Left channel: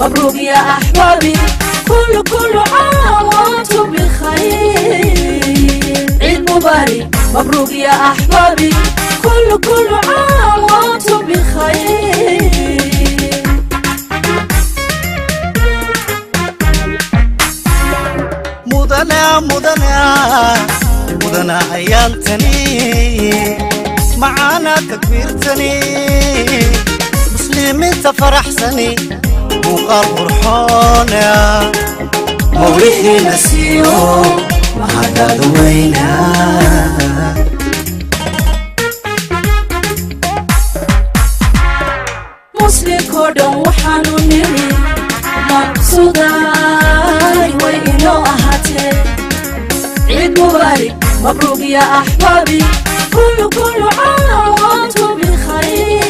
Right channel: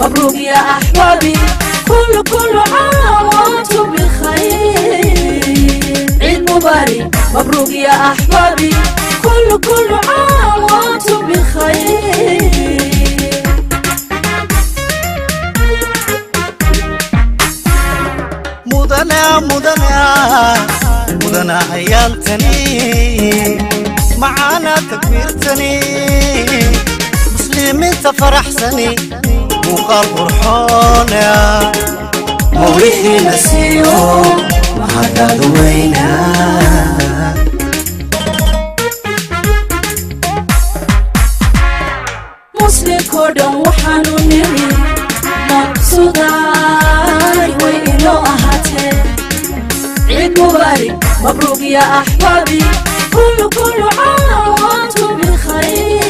مبروك يا أحبابي كل عام وأنتم بخير عيد مبارك مبروك يا أحبابي كل عام وأنتم بخير مدنا عيالتني معانا تكبيرتني مسلمين تفرحسني وقال فرحونا موريحي نسيو ما هذا دوينا مسلم كردن وحانو نري مقصوداي وإنو أهاتي عيد مبارك مبروك يا أحبابي كل عام وأنتم بخير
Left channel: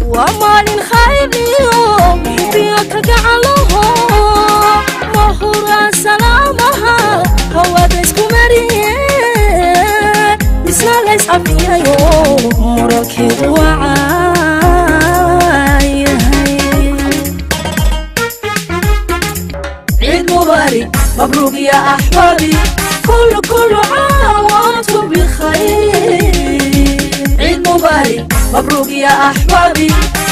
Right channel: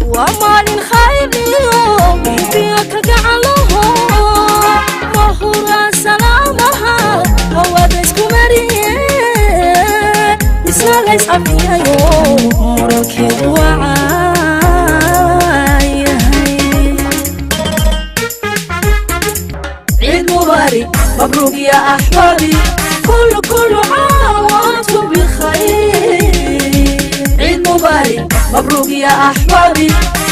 وأمان خير اليوم فيك جعله مهورا سلامها هو ديسكو مريه اسمع ليس عفيا يوم مركب وعاي عيد مبارك مبروك يا أحبابي كل عام وأنتم بخير عيد مبارك مبروك يا أحبابي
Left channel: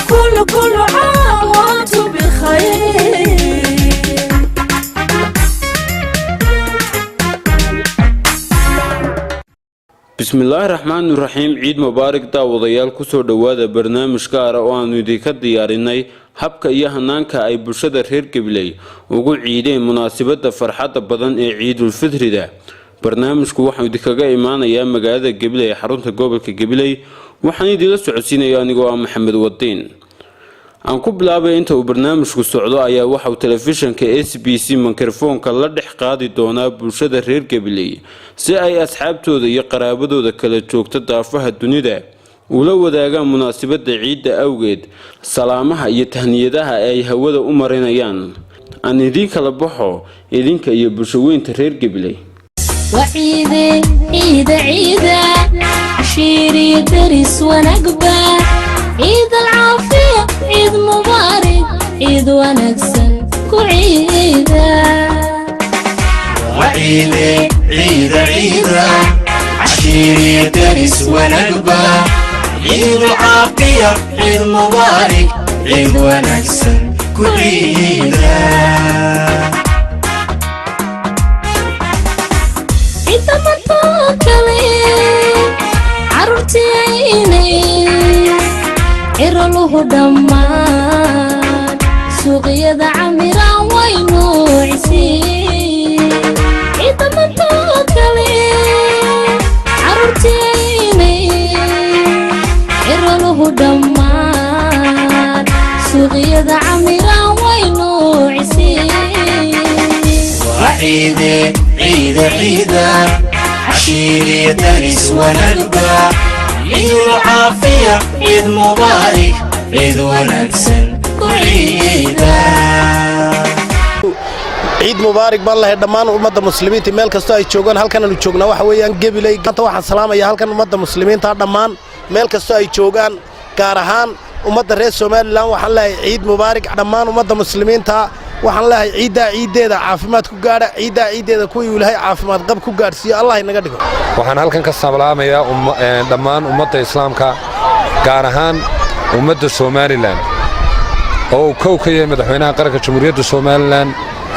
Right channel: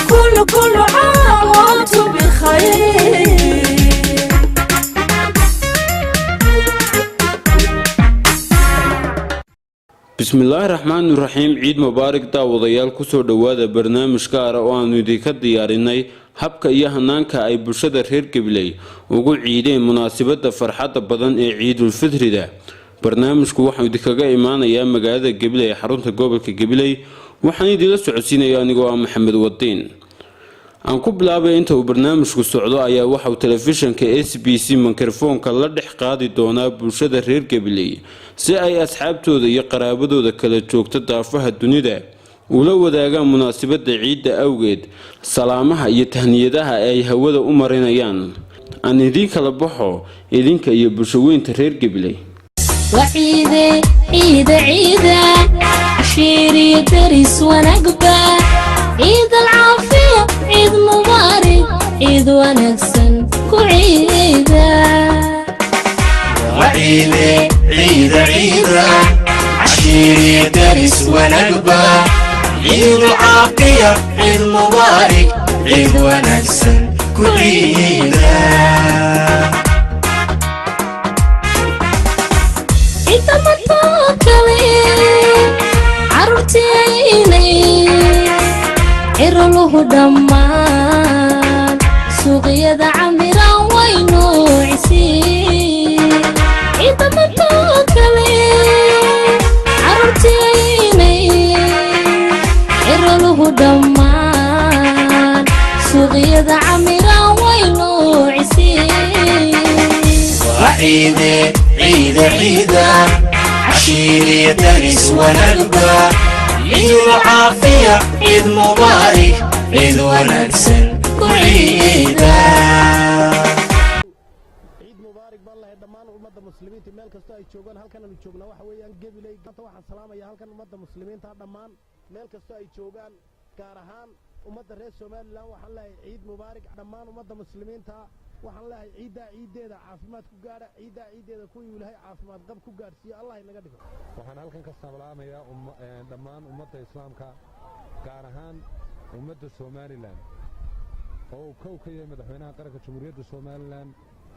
كل عام وأنتم بخير بسم الله الرحمن الرحيم عيد مبارك daawadayaal ku soo dhawaada barnaamij gaar ah oo aanu idinka diyaarinay habka iyo hanaanka ay bulshada reer Gabiley ugu ciideen munaasabada farxadda badan ee Ciidul Fitrida barnaamijku waxa uu idinkaga imaanayaa magaalada Gabiley xarunta gobolka Gabiley waxaan idin la socodsiinayaa anigoo ah Maxamed Wadiin aan ku bilaabay inta uu barnaamijku socdo ayaa waxa uu telefishinka SBC mikrofoonka la dhex qaadi doonaa bulshada reer Gabiley si ay asxaabtooda iyo qaraabadooda kala joogta daafaha dunida ula wadaagaan munaasabada ciidda awgeed salaamaha iyo tahniyadaha ay hawada u marinayaan aan idin kala baxo idinka iyo bulshooyinka reer Gabiley وعيدة عيدة عيدة عشيري درس ونقبة عيد العافية عيد مبارك عيد ونكسن كعيدة وعيدة عيدة عيدة عشيري درس ونقبة عيد العافية عيد مبارك عيد ونكسن كعيدة عيد مطوكلي عرفتي عيني إرلوه دمان سوقيا عميرا وينو عسير عيد مطوكلي عرفتي عيني إرلوه دمان سوقيا عميرا وينو عسير وعيدة عيدة عيدة عشيري درس ونقبة عيد العافية عيد مبارك عيد ونكسن كعيدة عيد مبارك بالله دمان أمة المسلمين تمال كستو أي جوجان هل كانوا يجوجنا وحويان قبلي كنت واحد سلام يا هل كان أمة المسلمين تا دمان مال كستو أي جوجان كارهان أمة الرئيس سومال لان وحلا عيد مبارك دمان أمة المسلمين تا waxaan leeyahay ciideeda caafimaad ku gaara ciideeda ku yuulahay caafimaad qab ku gaarsiyo Allah inaga dhigo waxaan halkan ka salaamayaa dhammaan ummadda islaamka gaar ahaan ummadda Soomaaliland oo kow ka yahay madaxweynaha qaranka Jamhuuriyadda Soomaaliland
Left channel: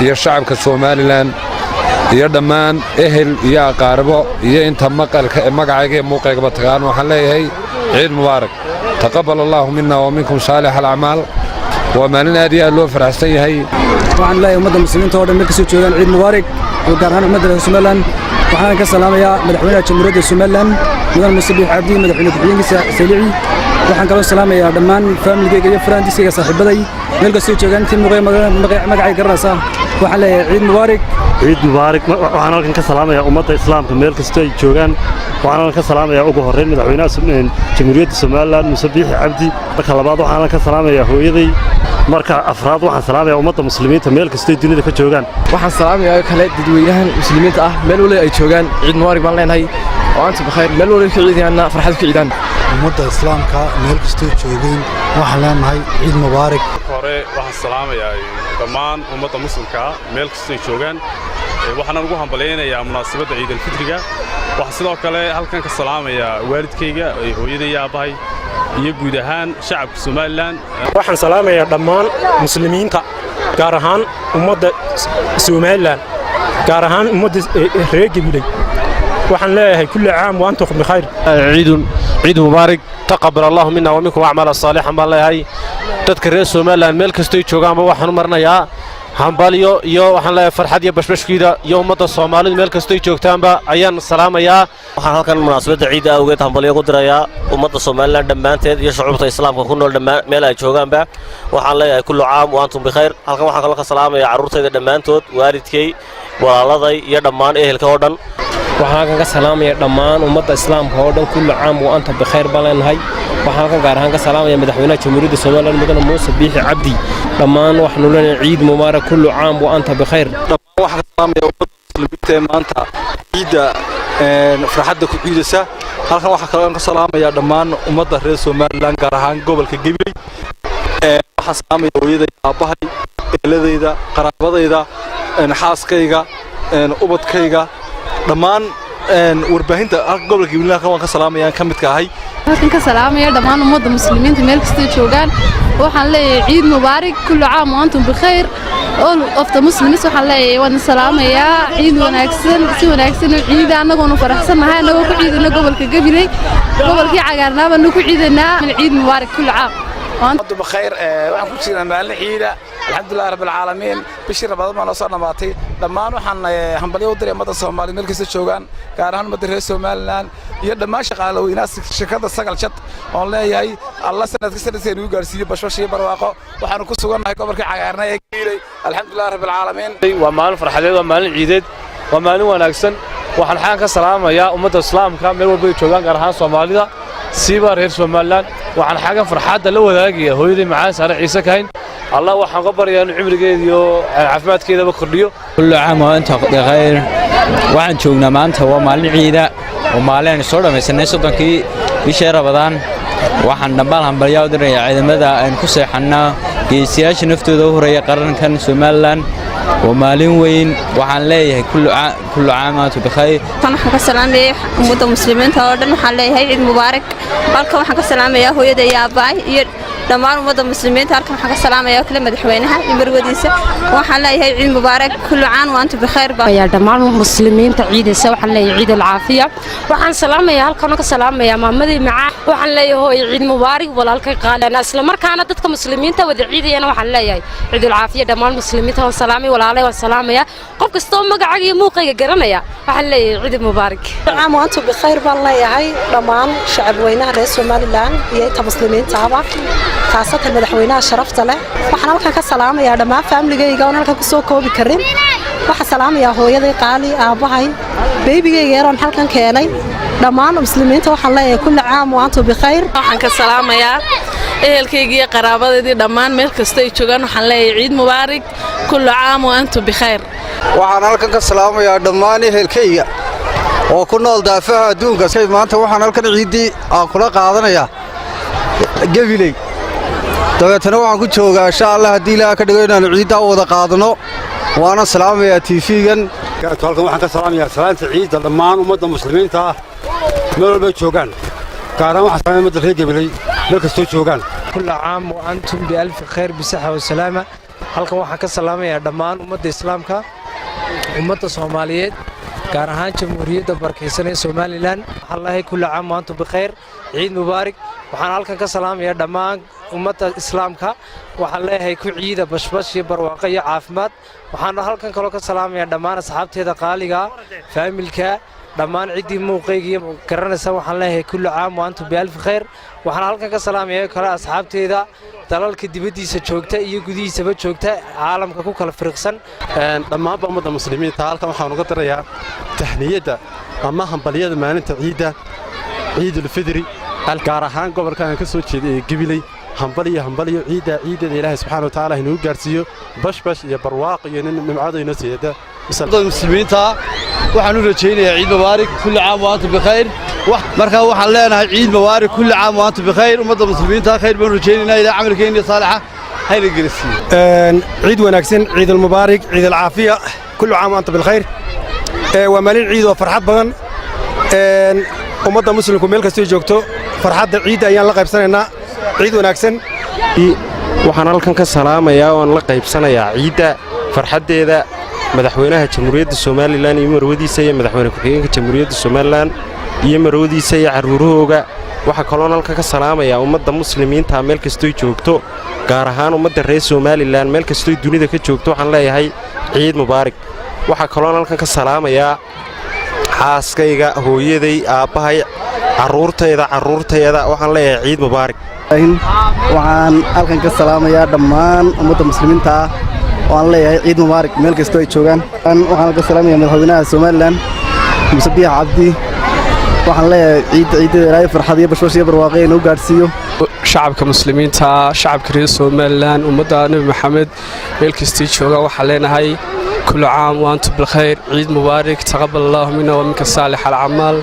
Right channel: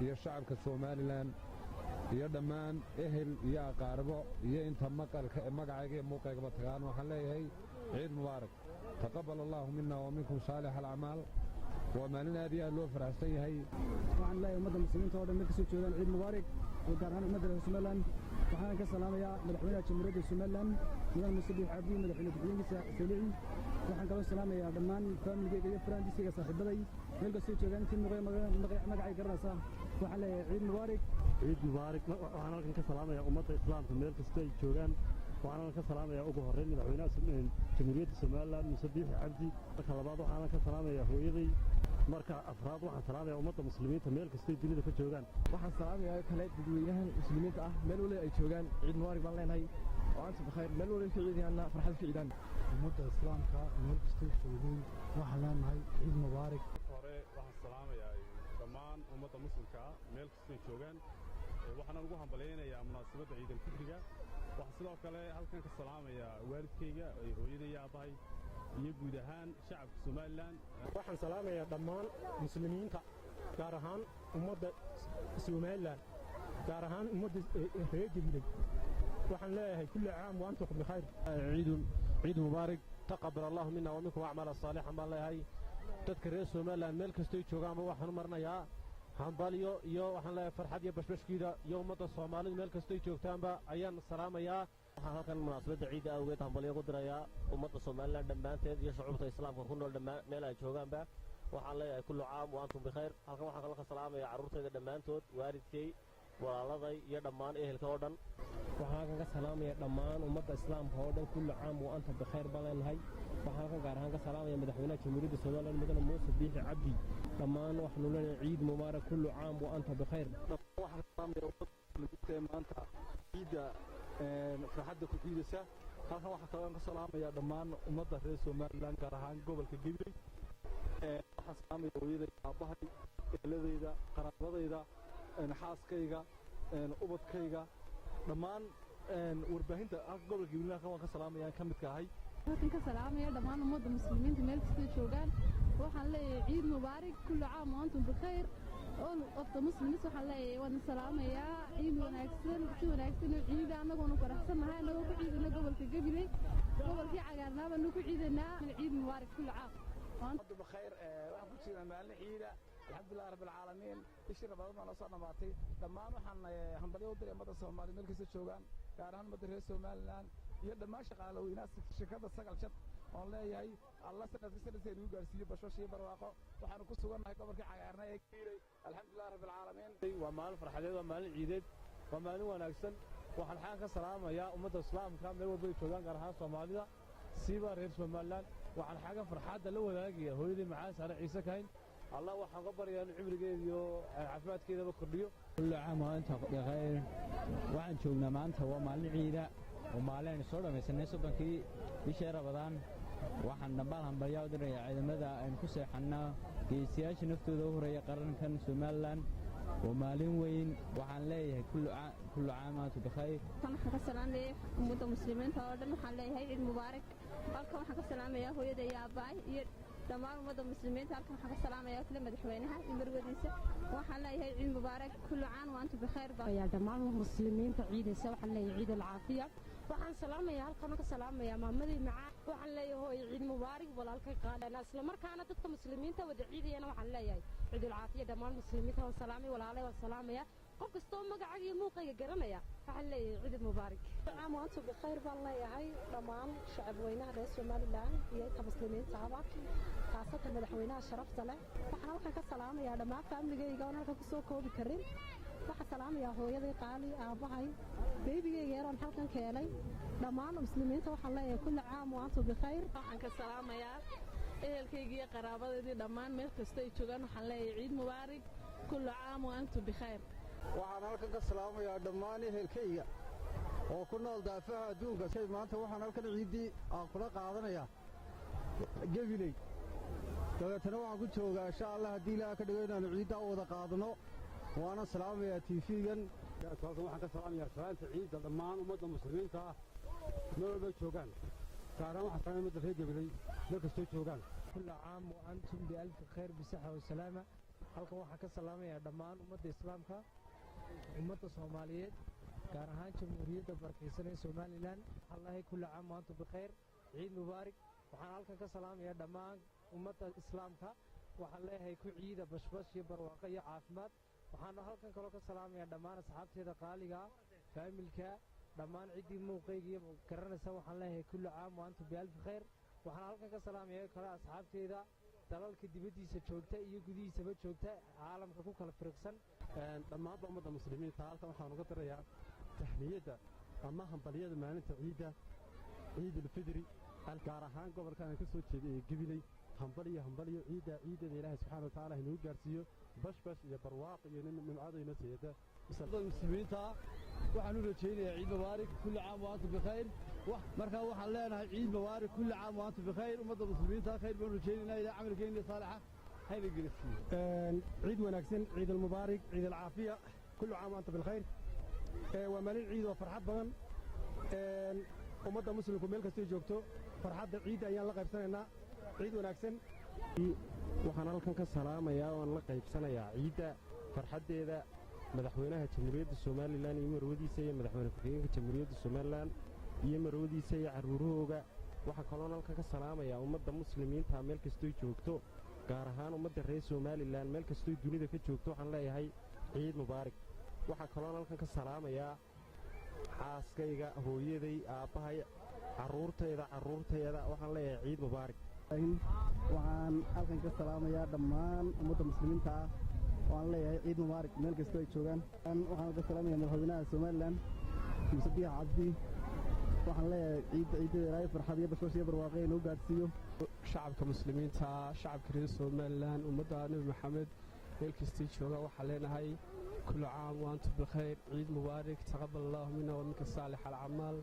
iyo shacabka Soomaaliland iyo dhammaan ehel iyo aqaarbo iyo inta maqalka magacayga muuqayga tagaan waxaan leeyahay ciid mubaarak taqabbal Allahu minna wa minkum salih al-a'mal ومالنا هذه اللي فرحتي هي وعن لا يوم المسلمين تودن مكسو جوجان عيد مبارك وقارهان مدرسة سومالان وحنا كسلام يا مدحونا جمهورية سومالان مدن المسبح عبدي مدحونا كبيين سليعي وحنا كلام سلام يا دمان فاميلي جاي فرانسي يا صاحب بدي ملقسو جوجان تيم مقعي قرصة وحنا عيد مبارك عيد مبارك وحنا كسلام يا أمة الإسلام ملقسو جوجان وحنا كسلام يا أبو هرين مدحونا جمهورية سومالان مسبح عبدي بكلابات وحنا كسلام يا هويدي marka afraad waxaan salaamayaa ummadda muslimiinta meel kasta dunida ka joogan waxaan salaamayaa kale dadweynaha muslimiinta ah meel waliba ay joogan ciid mubaarak baan leenahay وأنتم بخير مeel walba ku ciidana farxad ku ciidana ummadda islaamka meel kastoo joogeen waxaan leenahay ciid mubaarak hore waxaan salaamayaa dhammaan ummadda muslimka meel kastoo joogaan waxaan ugu hambaleynayaa munaasabadda ciid al-fitriga waxaan sidoo kale halkan ka salaamayaa waalidkayga hooyaday iyo aabahay iyo guud ahaan shacabka Soomaaliland waxaan salaamayaa dhammaan muslimiinta gaar ahaan ummadda Soomaaliland gaar ahaan ummadda reer Gabiley waxaan leeyahay kulli caam wa antum bikhair ciid mubaarak taqabbal Allahu minna wa minkum a'mal salihan baan leeyahay dadka reer Soomaaliland meel kastoo ay joogaan waxaan u marnayaa hambalyo iyo waxaan leeyahay farxad iyo bashbashkiida iyo ummadda Soomaaliyeed meel kastoo ay joogtaanba ayaan salaamayaa waxaan halkan munaasabadda ciid awgeed hambalyo ku dirayaa ummadda Soomaaliland dhammaanteed iyo shucuubta islaamka ku nool dhammaan meel ay joogaanba waxaan leeyahay kulli caam wa antum bikhair halkan waxaan kala ka salaamayaa carruurtayda dhammaantood waalidkay walaaladay iyo dhammaan ehelka oo dhan waxaan halkan ka salaamayaa dhammaan ummadda islaamka oo dhan kulli caam wa antum bikhair baan leenahay waxaan halkan gaar ahaan ka salaamayaa madaxweynaha jamhuuriyadda Soomaaliland mudane Muuse Biixi Cabdi dhammaan waxaanu leenahay ciid mubaarak kulli caam wa antum bikhair waxaan salaamayaa ummadda muslimiinta maanta ciida farxadda ku ciidaysa halkan waxaan kale ka salaamayaa dhammaan ummadda reer Soomaaliland gaar ahaan gobolka Gabiley waxaan salaamayaa hooyaday aabahay eeladayda qaraabadayda xaaskayga ubadkayga dhammaan warbaahinta gobolka Gabiley waan ka salaamayaa ka midka ahay halkan ka salaamaya dhammaan ummadda muslimiinta meel kasta joogaan waxaan leeyahay ciid mubaarak kullu caam wa antum bikhair all of the muslims waxaan leeyahay waan salaamayaa ciid wanaagsan si wanaagsan oo ciid anagoo faraxsanahay anagoo ku ciidana gobolka Gabiley gobolkii cagaarnaaba ku ciidanaa ciid mubaarak kullu caam وأنتم بخير وأنا كنت أنا مال عيدة الحمد لله رب العالمين بشير رمضان ما نصرنا ماتي لما نحن هم بليو دري مدة الصومالي ملك الشوغان كارهان مدة الصوماليان يد ما شغال وناس شركات السجل شت والله ياي الله سنة كسر سنة وقارسي بشوشي برواقة وحنا كسوغان هاي كبر كعيارنا يكيلي الحمد لله رب العالمين ومال فرحة ومال عيدة ومال وناكسن وحن حان كسلام يا أمة الإسلام كامل وبيت شوغان كارهان صوماليدا سيبار هير Soomaaliland waxaan xagan farxadda la wadaagaya hooyaday macaan Sare Ciise Kayn Allah waxaan qabarayaan cimrigeeda iyo caafimaadkeeda ba kordhiyo kullu caam wa antum bikhair waxaan joognaa maanta waa maalin ciida oo maalin soo dhamaysanay sodonkii bishii Ramadaan waxaan dhammaan hambalyo u dirayaa ciidamada aan ku seexanaa geesiyaasha naftooda u horeeya qarankan Soomaaliland ومالين وين وحن ليه كل عام وانتم بخير. أنا حق السلام يا أمة المسلمين تودن وحن ليه عيد مبارك. أركم حق السلام يا هو يدي يا باي دمار أمة المسلمين تاركم حق السلام يا كل مدحوينها يبروديسة وحن ليه عيد مبارك كل عام وانتم بخير. يا دمار المسلمين تعيد سوا وحن ليه عيد العافية وحن سلام يا هالكم السلام يا محمد معاه وحن ليه هو عيد مبارك ولا هالك قال أنا أسلم مركانا ضدكم مسلمين تودي عيدي أنا وحن ليه عيد العافية دمار المسلمين توا سلامي ولا عليه والسلام يا قف كستوم مقعد موقع جرنا يا وحن ليه عيد مبارك. عام وانتم بخير بالله يا هاي دمار شعب وينها رئيس Soomaaliland يا مسلمين تعبا خاصة مدحوينها شرفت له وحنا لك كسلام يا دماء فاملي يجون لك كسوكو بكرين وحسلام يا هو يدي قالي أبوهاي بيبي يجيرون حلقا كيني دماء مسلمين وحلا كل عام وأنتم بخير وحنا كسلام يا ehelkayga qaraabadayda dhammaan meel kasta ay joogaan waxaan leeyahay ciid mubaarak kullu caam wa antum bikhair waxaan halkan ka salaamayaa dhammaan ehelkayga oo ku nool daafaha adduunka maanta waxaan halkan ciidii aan kula qaadanayaa Gabiley dabeetana waxaan ku joogaa insha Allah haddii Ilaahay ka dhigo inaan ciidda wada qaadano waana salaamayaa TV-gan halkan waxaan ka salaamayaa salaanta ciidda dhammaan ummadda muslimiinta ah meel walba joogaan gaaraan waxaan salaamayaa ummadda reer Gabiley meel kastoo joogaan كل عام وأنتم بألف خير بصحة وسلامة halkan waxaan ka salaamayaa dhammaan ummadda islaamka ummadda Soomaaliyeed gaar ahaan jamhuuriyadda barkeysan ee Soomaaliland Allah kullu caam wa antum bikhair ciid mubaarak waxaan halkan ka salaamayaa dhammaan ummadda islaamka waxaan leeyahay ku ciida bashbash iyo barwaaqo iyo caafimaad waxaan halkan kale ka salaamayaa dhammaan asxaabteeda qaaliga faamilka dhammaan cidii muuqayga iyo garanaysa waxaan leeyahay kullu caam wa antum bi'alf khayr waxaan halkan ka salaamayaa kala asxaabteeda dalalka dibadiisa joogta iyo gudihiisaba joogta caalamka ku kala fariiqsan dhammaan ummadda muslimiinta halkan waxaan uga dirayaa tahniyada ama hambaliyada maalinta ciida ciidul fidri gaar ahaan gobolka aan ka soo jeeday ee Gabiley hambaliyo ciida Ilaahay subxaanahu wa ta'aala inuu gaarsiiyo bashbash iyo barwaaqo iyo nimcada inoo siiyada muslimiinta waxaan u rajaynayaa ciid mubaarak kulli caam wa antum bikhayr marka waxaan leenahay ciid mubaarak kulli caam wa antum bikhayr ummadda muslimiinta khayr baan rajaynaynaa ilaa camalkeena saalixa hayna gelisiyo ciid wanaagsan ciid mubaarak ciid alcaafiya kulli caam wa antum bikhayr waa maalin ciid oo farxad badan ummadda muslimku meel kastoo joogto farxadda ciidda ayaan la qaybsanaynaa ciid wanaagsan waxaan halkan ka salaamayaa oon la qaybsanayaa ciidda farxaddeeda madaxweynaha jamhuuriyadda somalilan iyo marwadiisa iyo madaxweyne ku-xigeenka jamhuuriyadda somalilan iyo marwadiisa iyo carruurahooga waxaa kaloon halkan ka salaamayaa ummadda muslimiinta meel kastoy joogto gaar ahaan ummadda reer somalilan meel kastoy dunida ka joogto waxaan leeyahay ciid mubaarak waxaa kaloon halkan ka salaamayaa xaaskayga hooyaday aabbahay carruurtayda waxaan leeyahay ciid mubaarak waxaan halkan ka salaamayaa dhammaan ummadda muslimiinta ah oo aan leeyahay ciid mubaarak meel kastoo ay joogaan waxaan halkan ka salaamayaa madaxweynaha somalilan muse biix cabdi waxaan leeyahay ciidda ilaahay farxad iyo bashbash iyo barwaaqo inuu gaadhsiiyo shacabka muslimiinta shacabka reer somalilan ummadda nebi maxamed meel kastii jooga waxaan leenahay كل عام وأنتم بالخير عيد مبارك تقبل الله منا ومنك صالح الأعمال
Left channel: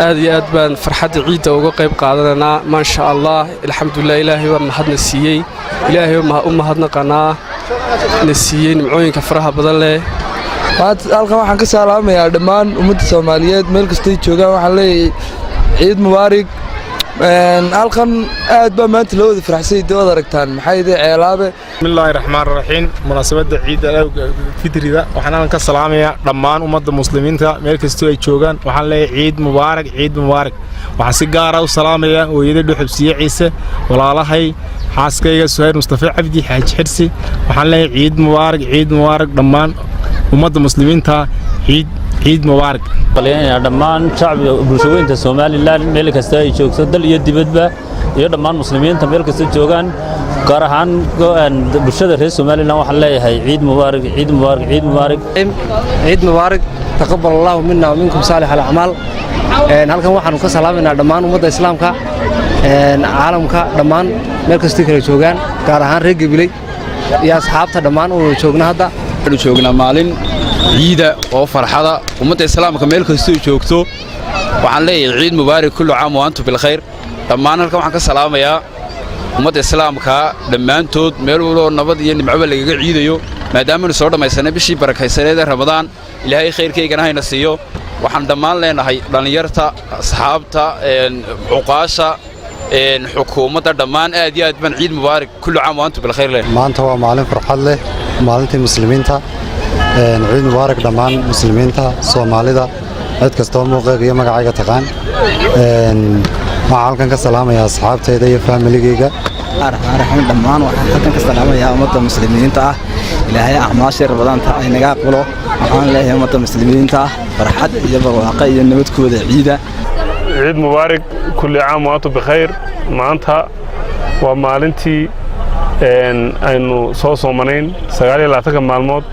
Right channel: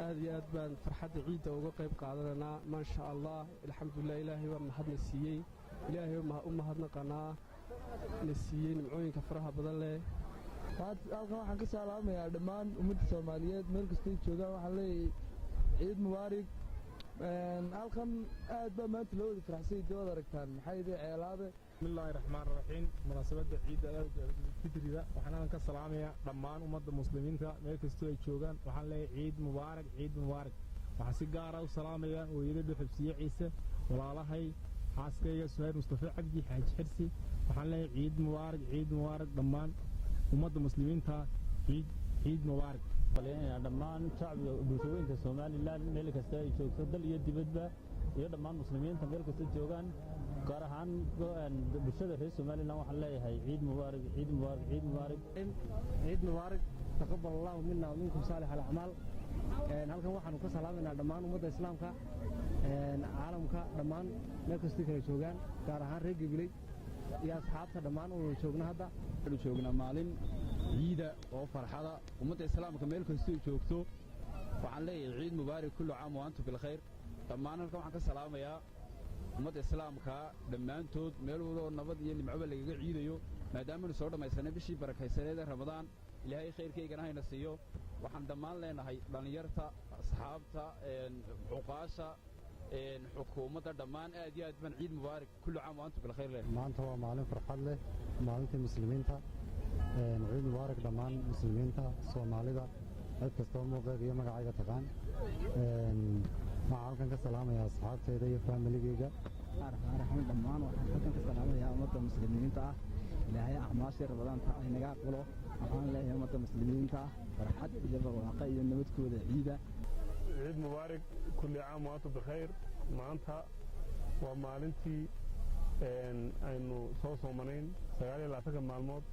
هذه أدبان فرحة عيد وقيب قادنا ما شاء الله الحمد لله إلهي وما هدنا السيي إلهي وما هدنا قناة نسيين معوين كفرها بدله halkan waxaan ka salaamayaa dhammaan ummadda Soomaaliyeed meel kasta ay joogaan waxaan leeyahay ciid mubaarak halkan aad baa maanta loo wada faraxsay dawada aragtaan maxay idin ceelaabe bismillaahi raxmaani raxiim munaasabada ciidda fitrida waxaan halkan ka salaamayaa dhammaan ummadda muslimiinta meel kasta ay joogaan waxaan leeyahay ciid mubaarak waxaan si gaar ah u salaamayaa hooyada Dhuxubsiye Ciise walaalahay xaaskayga Suhayr Mustafa Cabdi Xaaji Xirsi waxaan leeyahay ciid mubaarak dhammaan ummadda muslimiinta ciid mubaarak dhammaan shacbiga bulshooyinka Soomaaliland meel kasta ay joogto dal iyo dibadba iyo dhammaan muslimiinta meel kasta joogaan gaar ahaan bulshada reer Soomaaliland waxaan leeyahay ciid mubaarak taqabbal Allahu minna wa minkum salih al-a'mal halkan waxaanu ka salaamaynaa dhammaan ummadda islaamka caalamka dhammaan meel kasta kala joogaan gaar ahaan reer Gabiley iyo asxaabta dhammaan oo joogna hadda joognaa maalin ciida oo farxada ummadda islaamka meel kasta ay joogto waxaan leeyahay ciid mubaarak kullu caam wa antum bil khayr dhammaan halkan waxaan ka salaamayaa ummadda islaamka dhammaantood meel walba nabad iyo nimco lagaga ciidayo maadaama aan soo dhamaysanay bishii barakaysaneed ee Ramadaan ilaahay khayrkeygana hayna siiyo waxaan dhammaan leenahay dhalinyarta asxaabta cuqaasha xukuumadda dhammaan aad iyo aad baan ciid mubaarak kullu caam wa antum bil khayr maanta waa maalin farxad leh maalintii muslimiinta ciid mubaarak dhammaan muslimiinta Soomaalida cid kastoo muuqeega iyo magacayga taqaan waxaan halkan ka salaamayaa asxaabtayda iyo familigayga arxaan dhammaan waxaan halkan ka salaamayaa ummadda muslimiinta ah ilaahay acmaasha Ramadaanta ay naga aqbalo waxaan leeyahay ummadda muslimiinta farxad iyo barwaaqo iyo nabadkooda ciida ciid mubaarak kulli caam wa antum bikhayr maanta waa maalintii aynu soo soomanayn 29 maalmood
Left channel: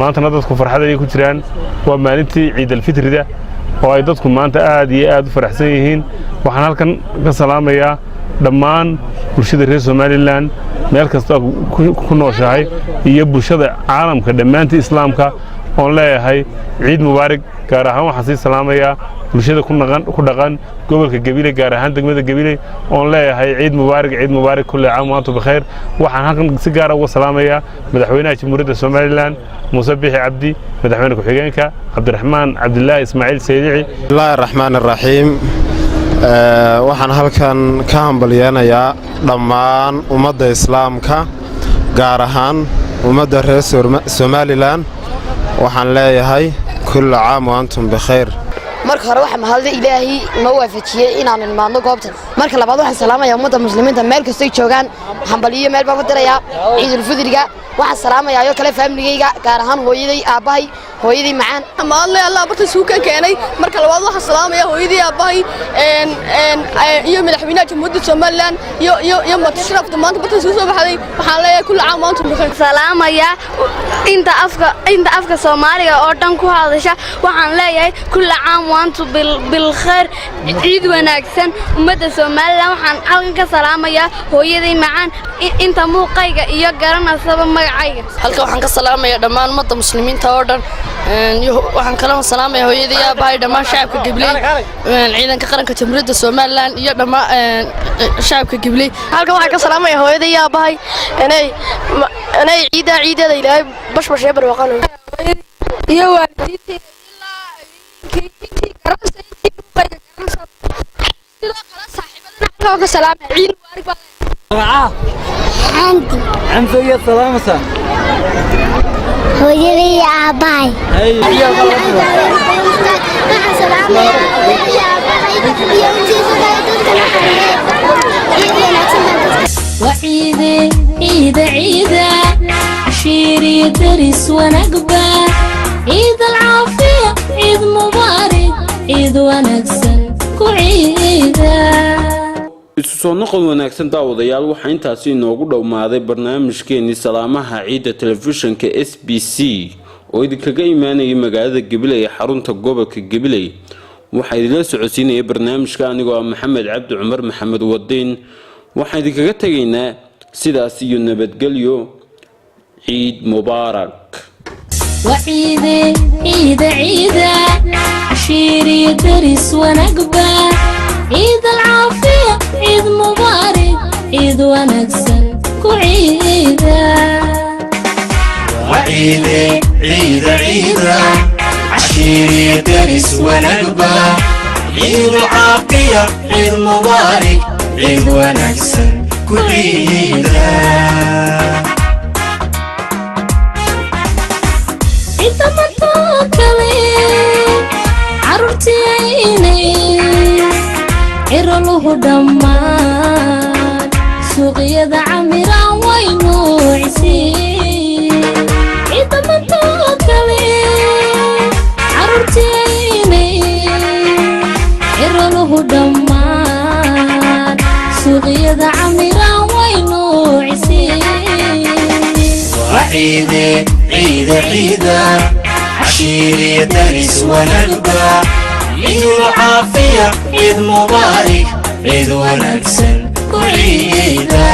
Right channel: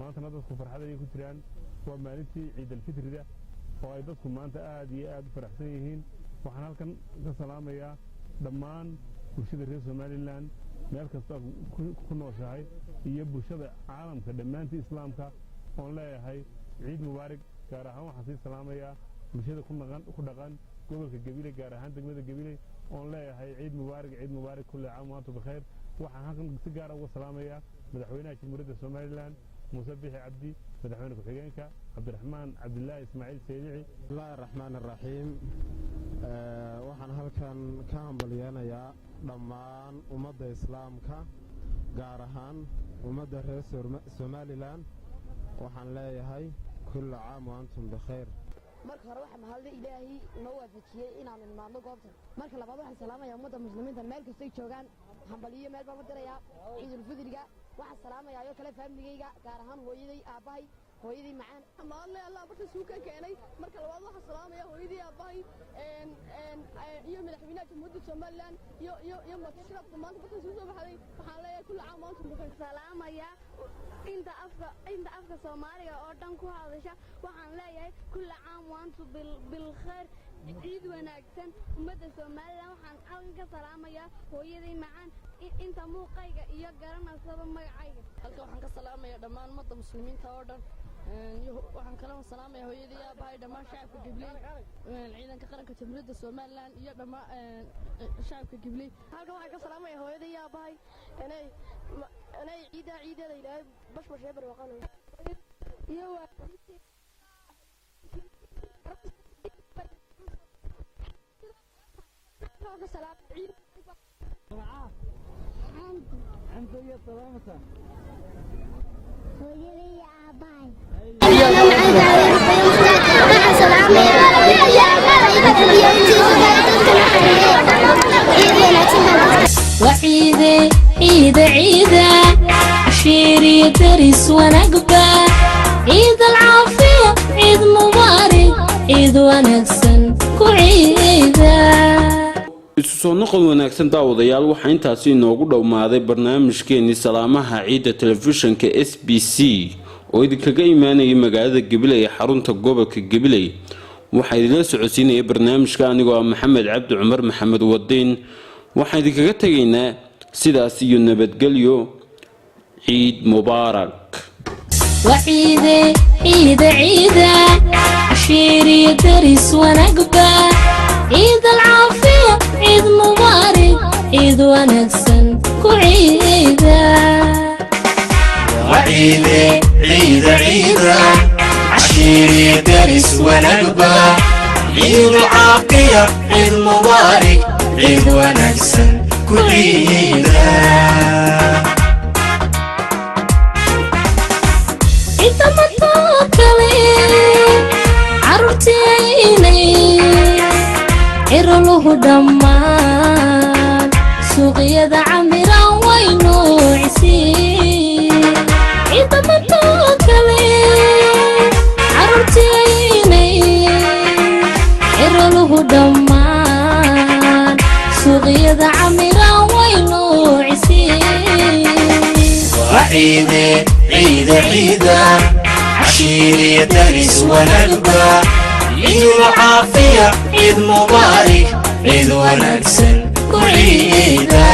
maantana dadku farxad ay ku jiraan waa maalintii ciid alfitrida oo ay dadku maanta aad iyo aad u faraxsan yihiin waxaan halkan ka salaamayaa dhammaan bulshada reer Somaliland meel kasta ku nooshahay iyo bulshada caalamka dhammaantii islaamka oo leeyahay ciid mubaarak gaar ahaan waxaan sii salaamayaa bulshada ku dhaqan gobolka Gabiley gaar ahaan degmada Gabiley oo leeyahay ciid mubaarak kulli caam wa antum bikhayr waxaan halkan si gaar ah uga salaamayaa madaxweynaha jamhuuriyadda Somaliland Muse Biixi Cabdi madaxweyne ku-xigeenka Cabdiraxmaan Cabdilaahi Ismaaciil Saydici bismillaahi raxmaani raxiim waxaan halkan ka hambalyeeyaa dhammaan ummadda islaamka gaar ahaan ummadda reer Somaliland waxaan leeyahay kulli caam wa antum bikhayr marka hore waxa mahad ilaahi ma waafajiyay inaan imaadno goobtan marka labaad waxaan salaamayaa ummadda muslimiinta meel kasta ay joogaan hambaliyo meel baan ku dirayaa ciidul fidriga waxaan salaamayaa iyo kale familigayga gaar ahaan hooyaday aabahay hooyaday macaan amaadle Allah barta suuka keenay marka labaad waxaan salaamayaa hooyaday aabahay iyo madaxweynaha jamhuuriyadda Soomaaliland iyo matashrafta maanta barta soo baxday waxaan leeyahay kullu caam wa antum bikhayr salaamaya inta afka Soomaaliga oo dhan ku hadasha waxaan leeyahay kullu caam waantu bil khair ciid wanaagsan ummadda Soomaaliland waxaan halkan ka salaamayaa hooyaday macaan inta muuqayga iyo garanaysa magacayga halka waxaan ka salaamayaa dhammaan ummadda muslimiinta oo dhan waxaan kala salaamayaa hooyaday aabahay dhammaan shacabka Gibley ciidanka qaranka Jamhuuriyadda Soomaaliland iyo dhammaan shacabka Gibley halka waxaan ka salaamayaa hooyaday aabahay inay ciideeda ilaahay bashbash ee barwaaqo iyo waalidiintii ka salaamay ciid mubaarak عنفي السلامة hooyadii aabahay وعيدة عيدة عيدة عشيري درس ونقبة عيد العافية عيد مبارك عيد ونكسن كعيدة isu soo noqon wanaagsan daawadayaal waxa intaasi inoogu dhowmaaday barnaamijkeennii salaamaha ciidda telefishinka SBC oo idinkaga imaanayay magaalada Gibley ee xarunta gobolka Gibley waxa idinla socodsiinayay barnaamijka anigoo Maxamed Cabdi Cumar Maxamed Wadiin waxa idinkaga tageynaa sidaas iyo nabadgelyo ciid mubaarak وعيدة عيدة عيدة عشيري درس ونقبة عيد العافية عيد مبارك عيد ونكسن كعيدة وعيدة عيدة عيدة عشيري درس ونقبة عيد العافية عيد مبارك عيد ونكسن كعيدة عيد مطوكلي عرورتي عيني إرلوه دمان سوقيا عميران وينوعسي إذا ما توكلي عرورتي عيني إرلوه دمان سوقيا عميران وينوعسي وعيدة عيدة عيدة عشيري درس ونقبة عيد العافية عيد مبارك عيد ونكسن كعيدة